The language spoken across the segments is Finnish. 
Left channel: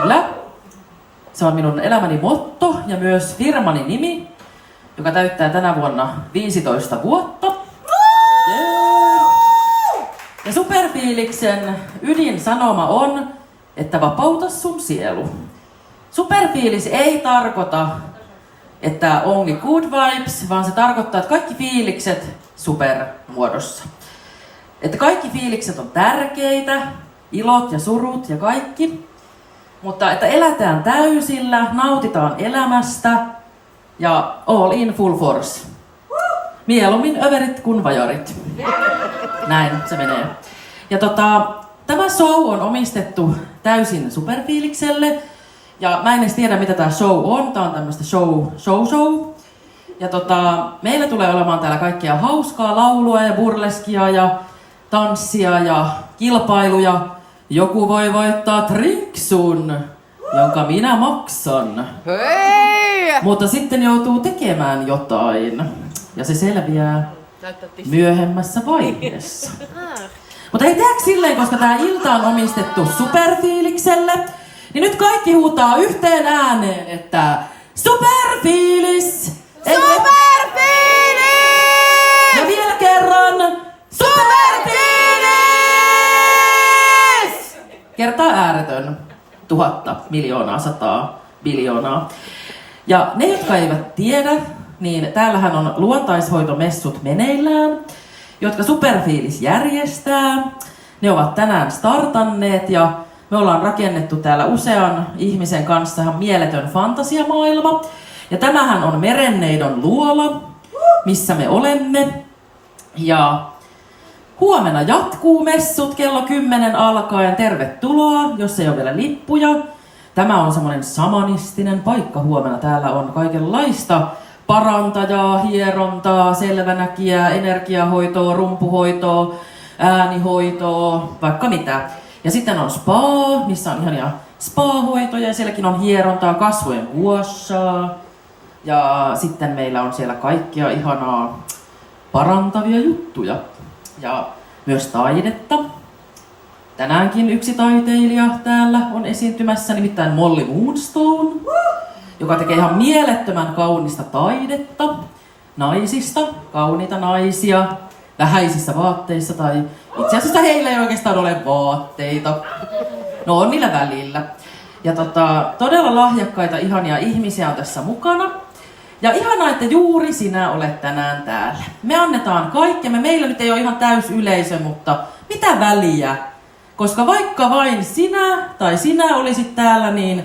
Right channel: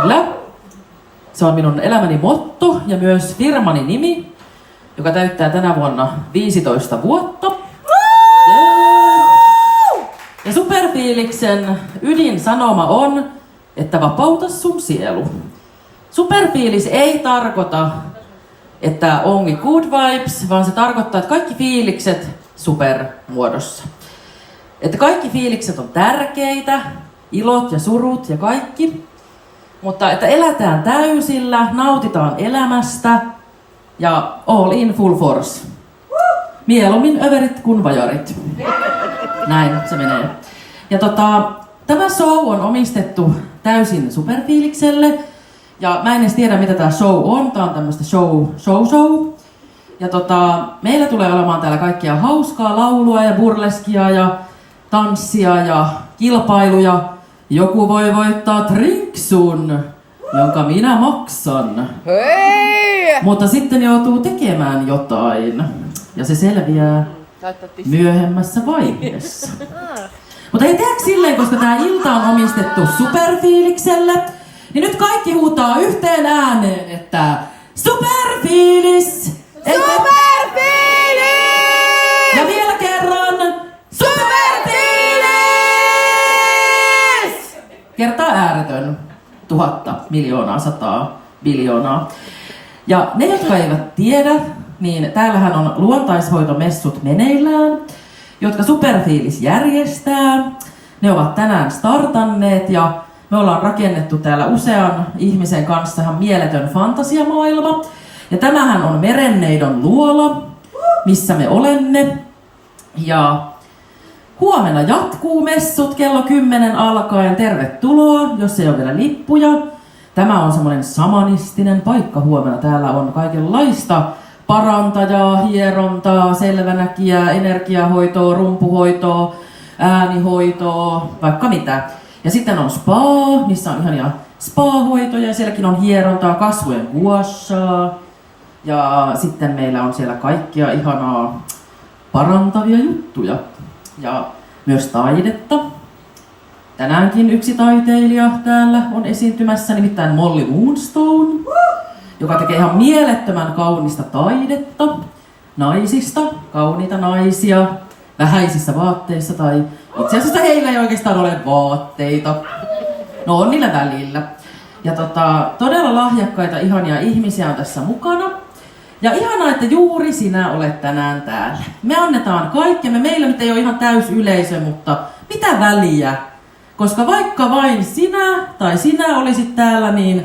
Kyllä. Se on minun elämäni motto ja myös firmani nimi, joka täyttää tänä vuonna 15 vuotta. Ja Superfiiliksen ydinsanoma on, että vapauta sun sielu. Superfiilis ei tarkoita, että only good vibes, vaan se tarkoittaa, että kaikki fiilikset supermuodossa. Että kaikki fiilikset on tärkeitä, ilot ja surut ja kaikki. Mutta että elätään täysillä, nautitaan elämästä ja all in full force. Mieluummin överit kuin vajarit. Näin se menee. Ja tämä show on omistettu täysin Superfiilikselle. Ja mä en edes tiedä mitä tää show on. Tää on tämmöstä show. Ja meillä tulee olemaan täällä kaikkia hauskaa laulua ja burleskia ja tanssia ja kilpailuja. Joku voi voittaa trinksun, jonka minä maksan. Hei! Mutta sitten joutuu tekemään jotain. Ja se selviää myöhemmässä vaiheessa. Mutta ei tehdä silleen, koska tää ilta on omistettu Superfiilikselle. Niin nyt kaikki huutaa yhteen ääneen, että Superfiilis! Superfiilis! Ja vielä kerran Superfiilis! Kertaa ääretön. 1000, miljoonaa, 100, biljoonaa. Ja ne, jotka eivät tiedä, niin täällähän on luontaishoitomessut meneillään, jotka Superfiilis järjestää. Ne ovat tänään startanneet ja me ollaan rakennettu täällä usean ihmisen kanssa ihan mieletön fantasiamaailma. Ja tämähän on Merenneidon luola, missä me olemme. Ja huomenna jatkuu messut kello 10 alkaen. Tervetuloa, jos ei ole vielä lippuja. Tämä on semmoinen samanistinen paikka huomenna. Täällä on kaikenlaista parantajaa, hierontaa, selvänäkijää, energiahoitoa, rumpuhoitoa, äänihoitoa, vaikka mitä. Ja sitten on spa, missä on ihania spa-hoitoja ja sielläkin on hierontaa, kasvojen guashaa. Ja sitten meillä on siellä kaikkia ihanaa parantavia juttuja. Ja myös taidetta. Tänäänkin yksi taiteilija täällä on esiintymässä, nimittäin Molly Moonstone, joka tekee ihan mielettömän kaunista taidetta naisista, kauniita naisia, vähäisissä vaatteissa tai itse asiassa heillä ei oikeastaan ole vaatteita. No on niillä välillä. Ja todella lahjakkaita, ihania ihmisiä on tässä mukana. Ja ihanaa, että juuri sinä olet tänään täällä. Me annetaan kaikkemme. Meillä nyt ei ole ihan täys yleisö, mutta mitä väliä? Koska vaikka vain sinä tai sinä olisit täällä, niin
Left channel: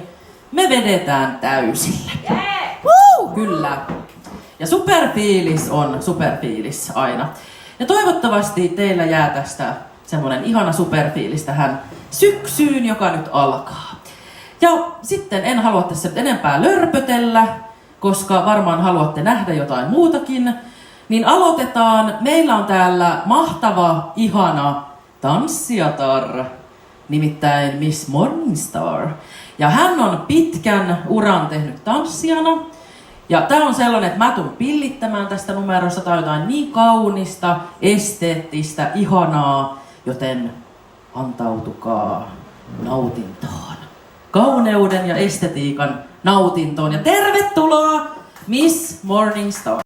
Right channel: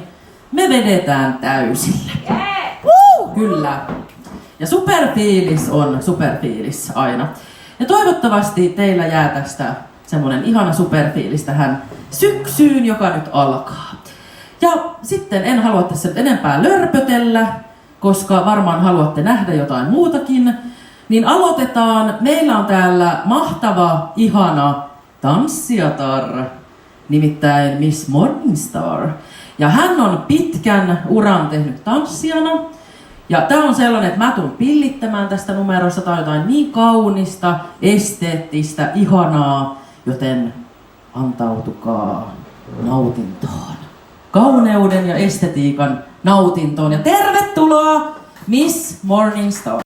me vedetään täysillä. Kyllä. Ja Superfiilis on Superfiilis aina. Ja toivottavasti teillä jää tästä semmonen ihana superfiilis tähän syksyyn, joka nyt alkaa. Ja sitten en halua tässä nyt enempää lörpötellä, koska varmaan haluatte nähdä jotain muutakin. Niin aloitetaan. Meillä on täällä mahtava, ihana tanssijatar, nimittäin Miss Morningstar. Ja hän on pitkän uran tehnyt tanssijana. Ja tää on sellainen, että mä tuun pillittämään tästä numerosta tai jotain niin kaunista, esteettistä, ihanaa, joten antautukaa nautintoon. Kauneuden ja estetiikan nautintoon ja tervetuloa Miss Morningstar!